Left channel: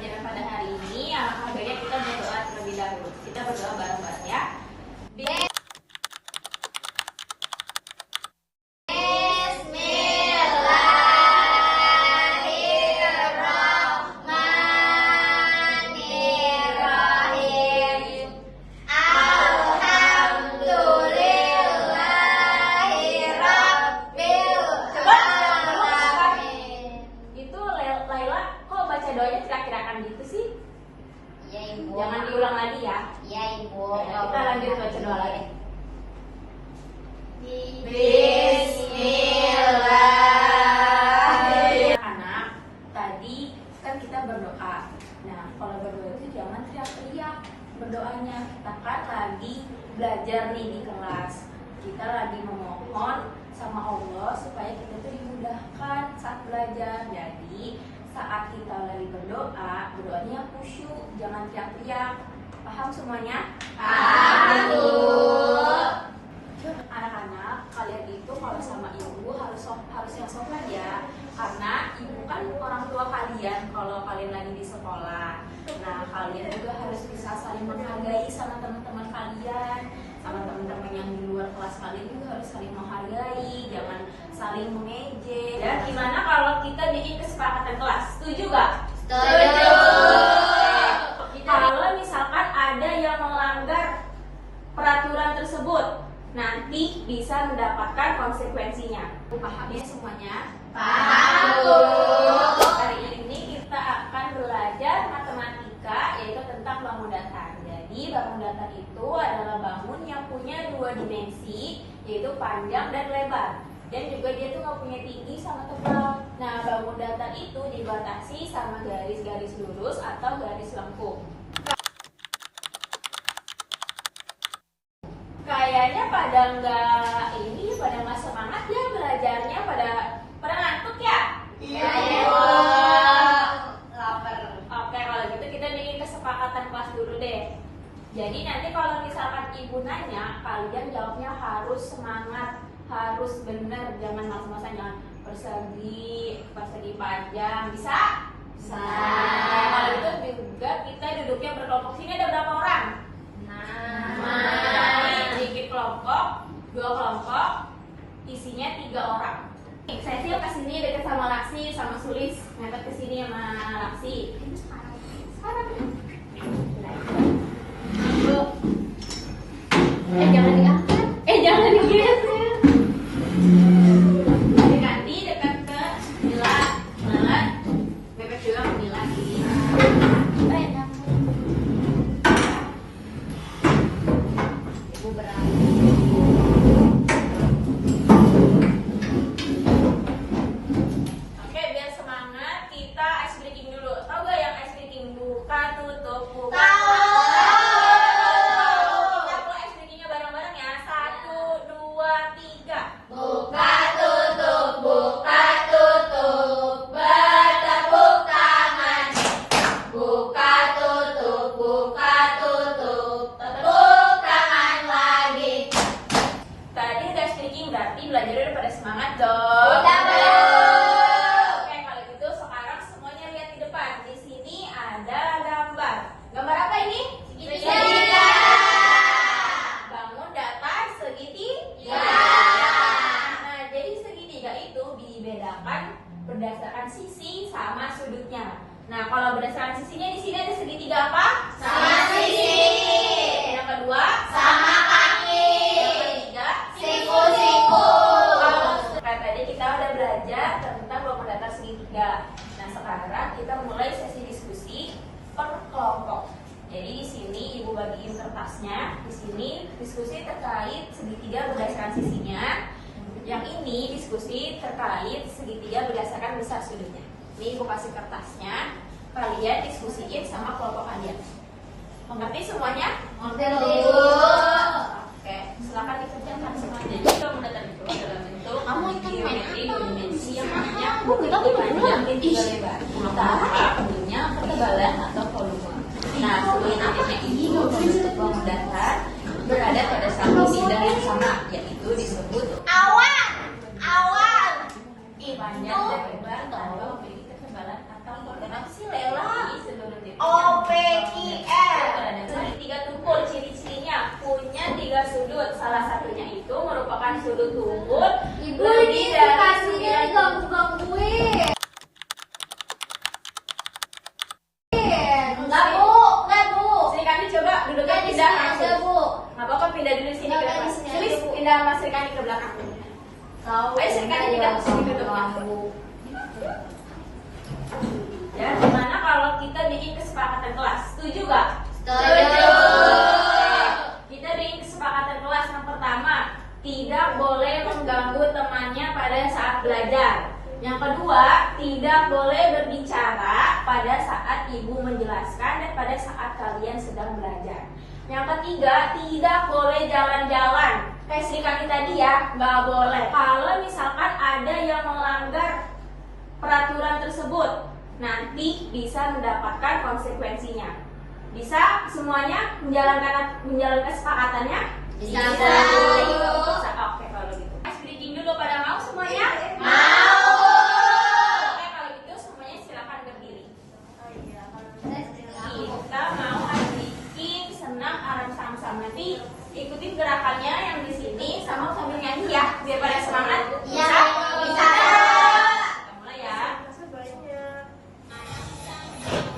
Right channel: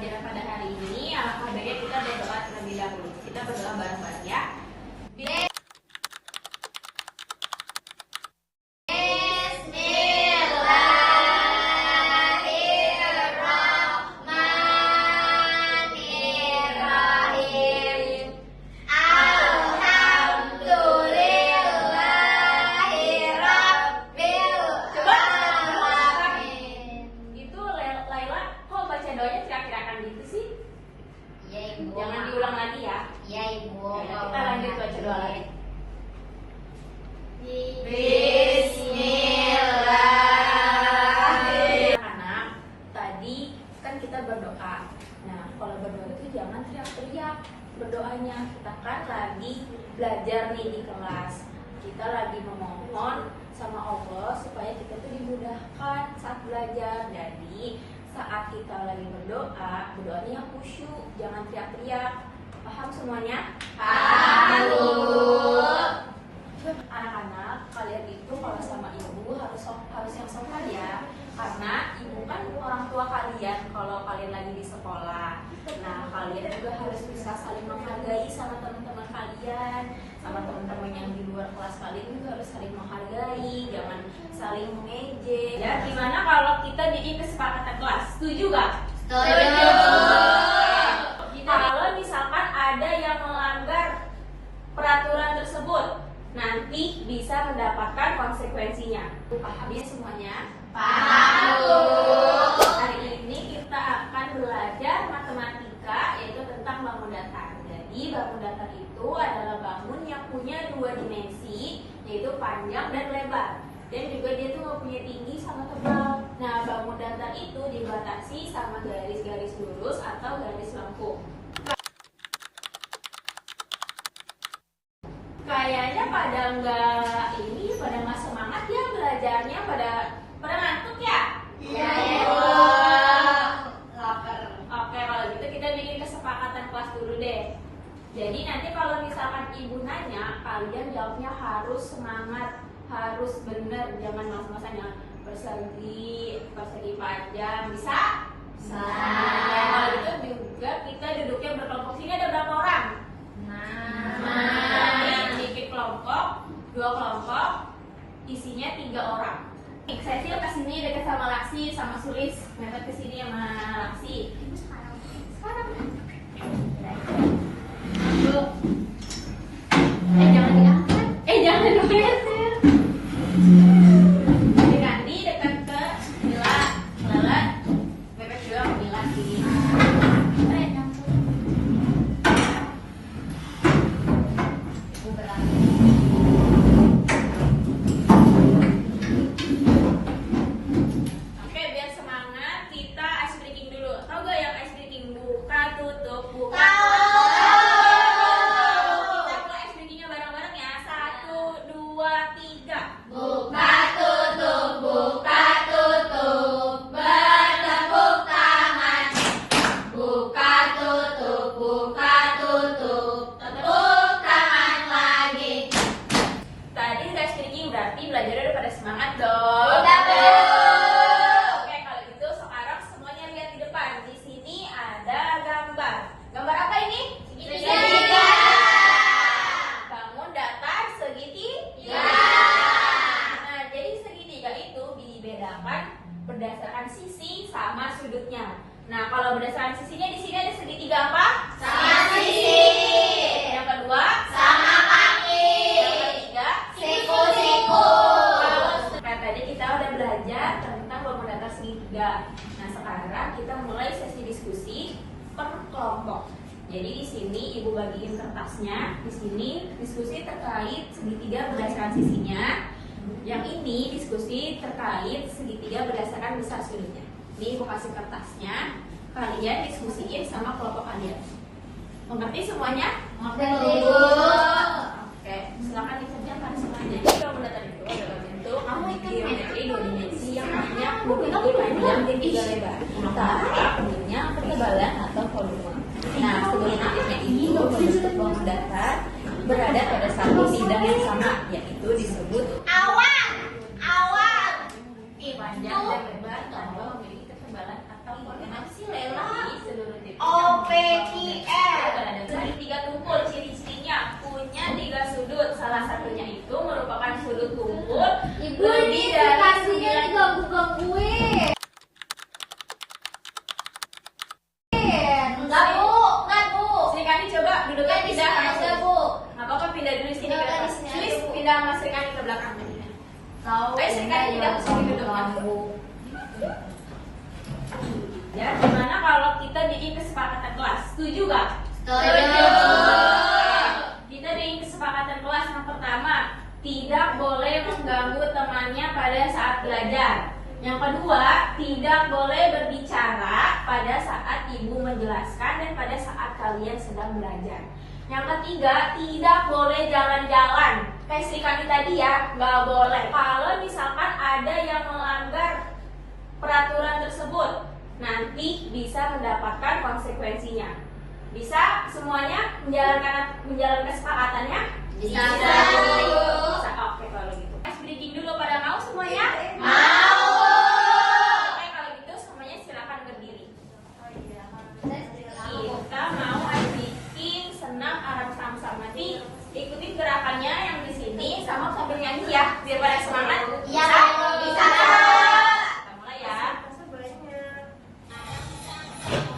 pelajaran pada hari ini, alangkah baiknya kita berdoa terlebih dahulu. Kita berdoa bareng-bareng ya. Doanya kira-kirakan gitu sih. Iya Ibu. Jangan diulang lagi ya. Iya Ibu. Kita lanjut baca doa. Bismillahirrahmanirrahim. Anak, tadi kan kita berdoa. Nah, kalau berdoa itu jangan teriak-teriak berdoanya. Kita kan lagi belajar nih di kelas. Kita lagi memohon sama Allah supaya kita tuh dimudahkan saat belajar. Jadi saat kita lagi berdoa, berdoanya yang khusyuk, jangan teriak-teriak. Paham semuanya? Paham, Bu. Anak-anak, kalian itu kalau sama ibu harus yang sopan ya. Karena ibu kan orang tua kalian kalau kalian lagi di sekolah. Nah, kalian juga harus bisa saling menghargai sama teman-teman kalian, sama teman-teman yang di luar kelas kalian juga harus saling menghargai, jangan saling mengejek. Ya, gimana kalau kita bikin kesepakatan kelas? Setuju gak? Setuju. Kalau misalkan ada yang melanggar peraturan tersebut, nanti bisa mendapatkan konsekuensinya. Paham ya semuanya? Paham, Bu. Hari ini kita akan belajar matematika, yaitu tentang bangun datar. Jadi bangun datar itu adalah bangun yang punya dua dimensi, yaitu panjang dan lebar. Dan juga dia tuh nggak punya tinggi sama tebal. Nah, bangun datar itu dibatasi sama garis-garis lurus atau garis lengkung. Kayaknya pada nggak semangat ya belajarnya, pada ngantuk ya? Iya, Ya. Lapar. Oke, kalau gitu kita bikin kesepakatan kelas dulu deh. Jadi nanti kalau misalkan ibu nanya, kalian jawabnya harus semangat, harus benar, jangan malas-malasan, persegi panjang, bisa? Bisa. Nah, kalau itu juga kita duduknya berkelompok. Sini ada berapa orang? Nah. Bikin kelompok, 2 kelompok, isinya 3 orang. Saya sih kesini dekat sama Laksi, sama Sulis, mepet kesini sama Laksi. Sekarang ya. Bu. Jangan diangkat. Jangan digeser. Diganti dekat ke Mila, Lelat, mepet juga ke Mila lagi. Ibu berapa? Oke, biar semangat kita ice breaking dulu. Tahu gak yang ice breaking? Buka, tutup, buka. Tahu. Kita mulai ice breakingnya bareng-bareng ya. 1, 2, 3. Buka tutup, bertepuk tangan. Buka tutup, tepuk tangan lagi. Tadi udah ice breaking, berarti belajarnya udah pada semangat dong. Udah belum? Oke, kalau gitu sekarang semuanya lihat di depan. Di sini ada gambar. Gambar apa ini? Segitiga. Bangun datar segitiga. Nah, jadi segitiga itu dibedakan berdasarkan sisi sama sudutnya. Nah, kalau berdasarkan sisinya di sini ada segitiga apa? Sama sisi. Yang kedua, Sama kaki. yang ketiga, Siku-siku. Nah, tadi kita udah belajar tentang bangun datar segitiga. Nah, sekarang kita mulai sesi diskusi per kelompok. Jadi di sini ibu bagiin kertasnya. Di sini diskusi terkait segitiga berdasarkan sisinya. Yang ini diskusi terkait segitiga berdasarkan besar sudutnya. Jadi ibu kasih kertasnya, kalian diskusiin sama kelompok kalian. Mengerti semuanya? Mengerti, Bu. Oke, silakan dikerjakan. Jadi bangun datar itu adalah bentuk geometri dua dimensi yang punya panjang dan juga lebar. Tanpa punya ketebalan atau volume. Nah, seluruh titiknya ini bentuk bangun datar berada pada satu bidang yang sama, yaitu disebut Awan. panjang dan lebar tanpa memiliki ketebalan atau volume. Kenapa sih Lela? Seluruh berturut-turut Ibu lebih ini dari kasihnya 9 ganggu-gangguin. Enggak bu, enggak bu. Sri Kandi coba duduknya Enggak di pindah sini sama aja Sri. bu. Nggak apa-apa, pindah dulu sini Enggak, ke depan. di sini Sri aja, Bu. pindah sama Sri Kandi ke belakang. Kau Ayo, Sri Kandi yang tidak bisa ditutup. ganggu. Ya, gimana kalau kita bikin kesepakatan kelas? Setuju nggak? Setuju. Kita bikin kesepakatan kelas yang pertama, tidak boleh mengganggu temannya pada saat belajar. Yang kedua, tidak boleh berbicara pada saat ibu menjelaskan dan pada saat kalian sedang belajar. Yang ketiga, tidak boleh jalan-jalan. Kayak Sri Kandi tadi ya, nggak boleh. Kalau misalkan ada yang melanggar peraturan tersebut, nanti bisa mendapatkan konsekuensinya. Bisa semuanya menjalankan kesepakatannya? Bisa. Bisa. Oke, kalau gitu. Speaking dulu, pada mau semuanya? Mau. Oke, kalau gitu semuanya silakan berdiri. Kita mau bikin senam arang sam-sam. Nanti ikutin gerakannya yang di sini sama sambil nyanyi ya, biar pada semangat. Ya, bisa. Kita mulai ya.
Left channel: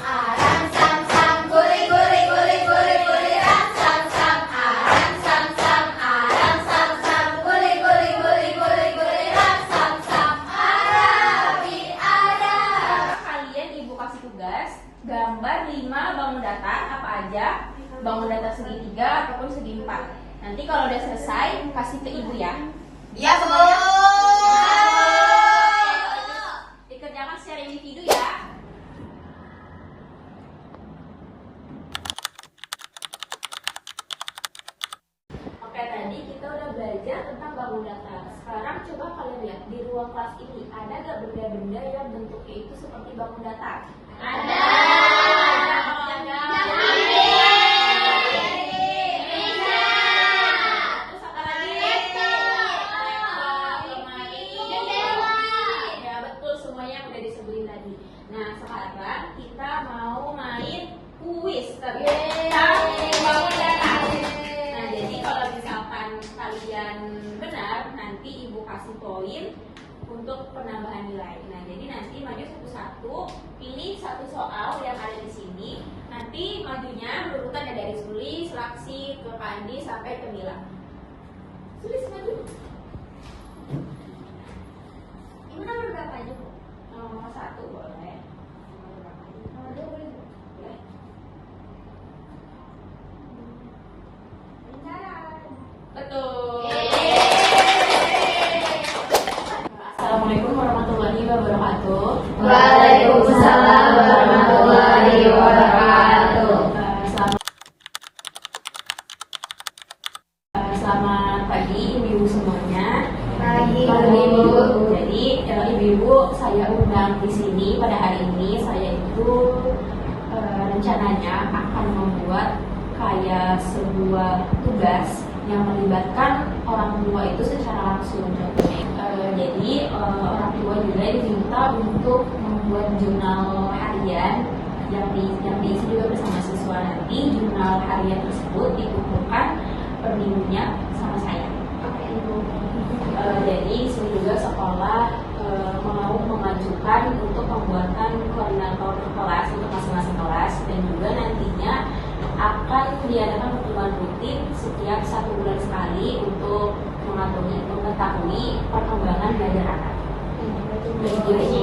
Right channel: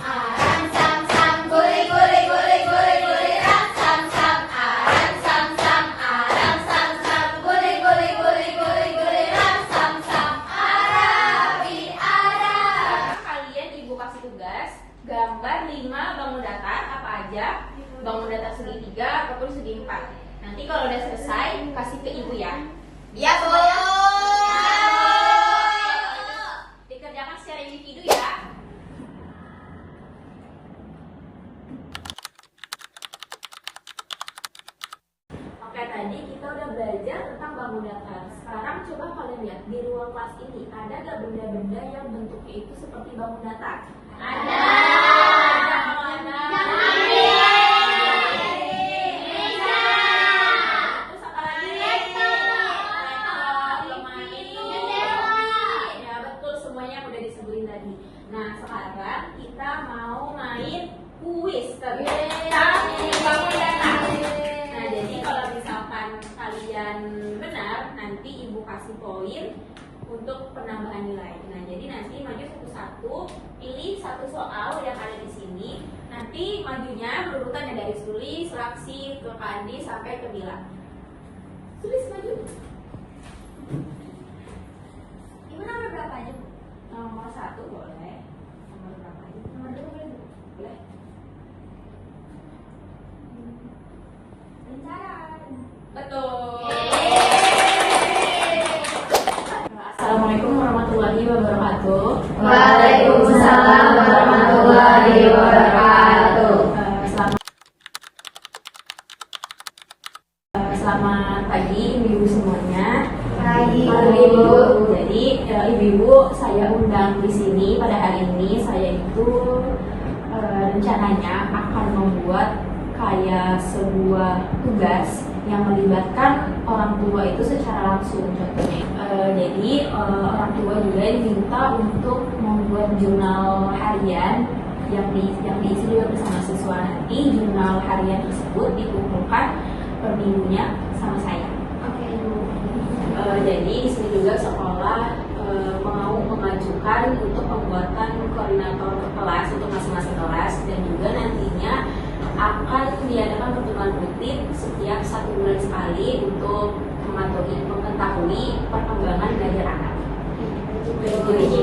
Arang sam sam, guli guli guli guli guli rang sam sam. Arang sam sam, arang sam sam, guli guli guli guli guli rang sam sam. Arabi Arab. Kalian ibu kasih tugas gambar 5 bangun datar apa aja, bangun datar segitiga ataupun segi empat. Nanti kalau udah selesai kasih ke ibu ya. Ya bu. Dikerjakan secara individu ya. Oke, tadi kita udah belajar tentang bangun datar. Sekarang coba kalian lihat di ruang kelas ini ada gak benda-benda yang bentuknya itu seperti bangun datar? Ada. Kalau ada. Terus apa lagi? Lemari. Ya betul, semuanya yang udah disebutin tadi. Nah sekarang kita mau main kuis tentang bangun datar. Nah jadi kalau misalkan kalian benar, nanti ibu kasih poin untuk penambahan nilai. Nah jadi nanti maju satu-satu, pilih satu soal yang ada di sini. Nanti majunya berurutan dari Sulis, Laksi, Kandi sampai ke Mila. Sulis maju. Ibu nomor berapa aja? Nomor 1 boleh. Nomor berapa aja? Nomor 2 boleh. Boleh. Betul. Assalamualaikum warahmatullahi wabarakatuh. Waalaikumsalam warahmatullahi wabarakatuh. Selamat pagi ibu-ibu semuanya. Pagi, Ibu. Jadi ibu-ibu saya undang di sini pada hari ini. Saya itu rencananya akan membuat kayak sebuah tugas yang melibatkan orang tua itu secara langsung. Contohnya, jadi orang tua juga diminta untuk membuat jurnal harian yang diisi juga bersama siswa. Nanti jurnal harian tersebut dikumpulkan per minggunya sama saya. Oke ibu. Jadi di sini juga sekolah mau mengajukan untuk pembuatan koordinator kelas untuk masing-masing kelas, dan juga nantinya akan diadakan pertemuan rutin setiap 1 bulan sekali untuk mengetahui perkembangan belajar anak. Jadi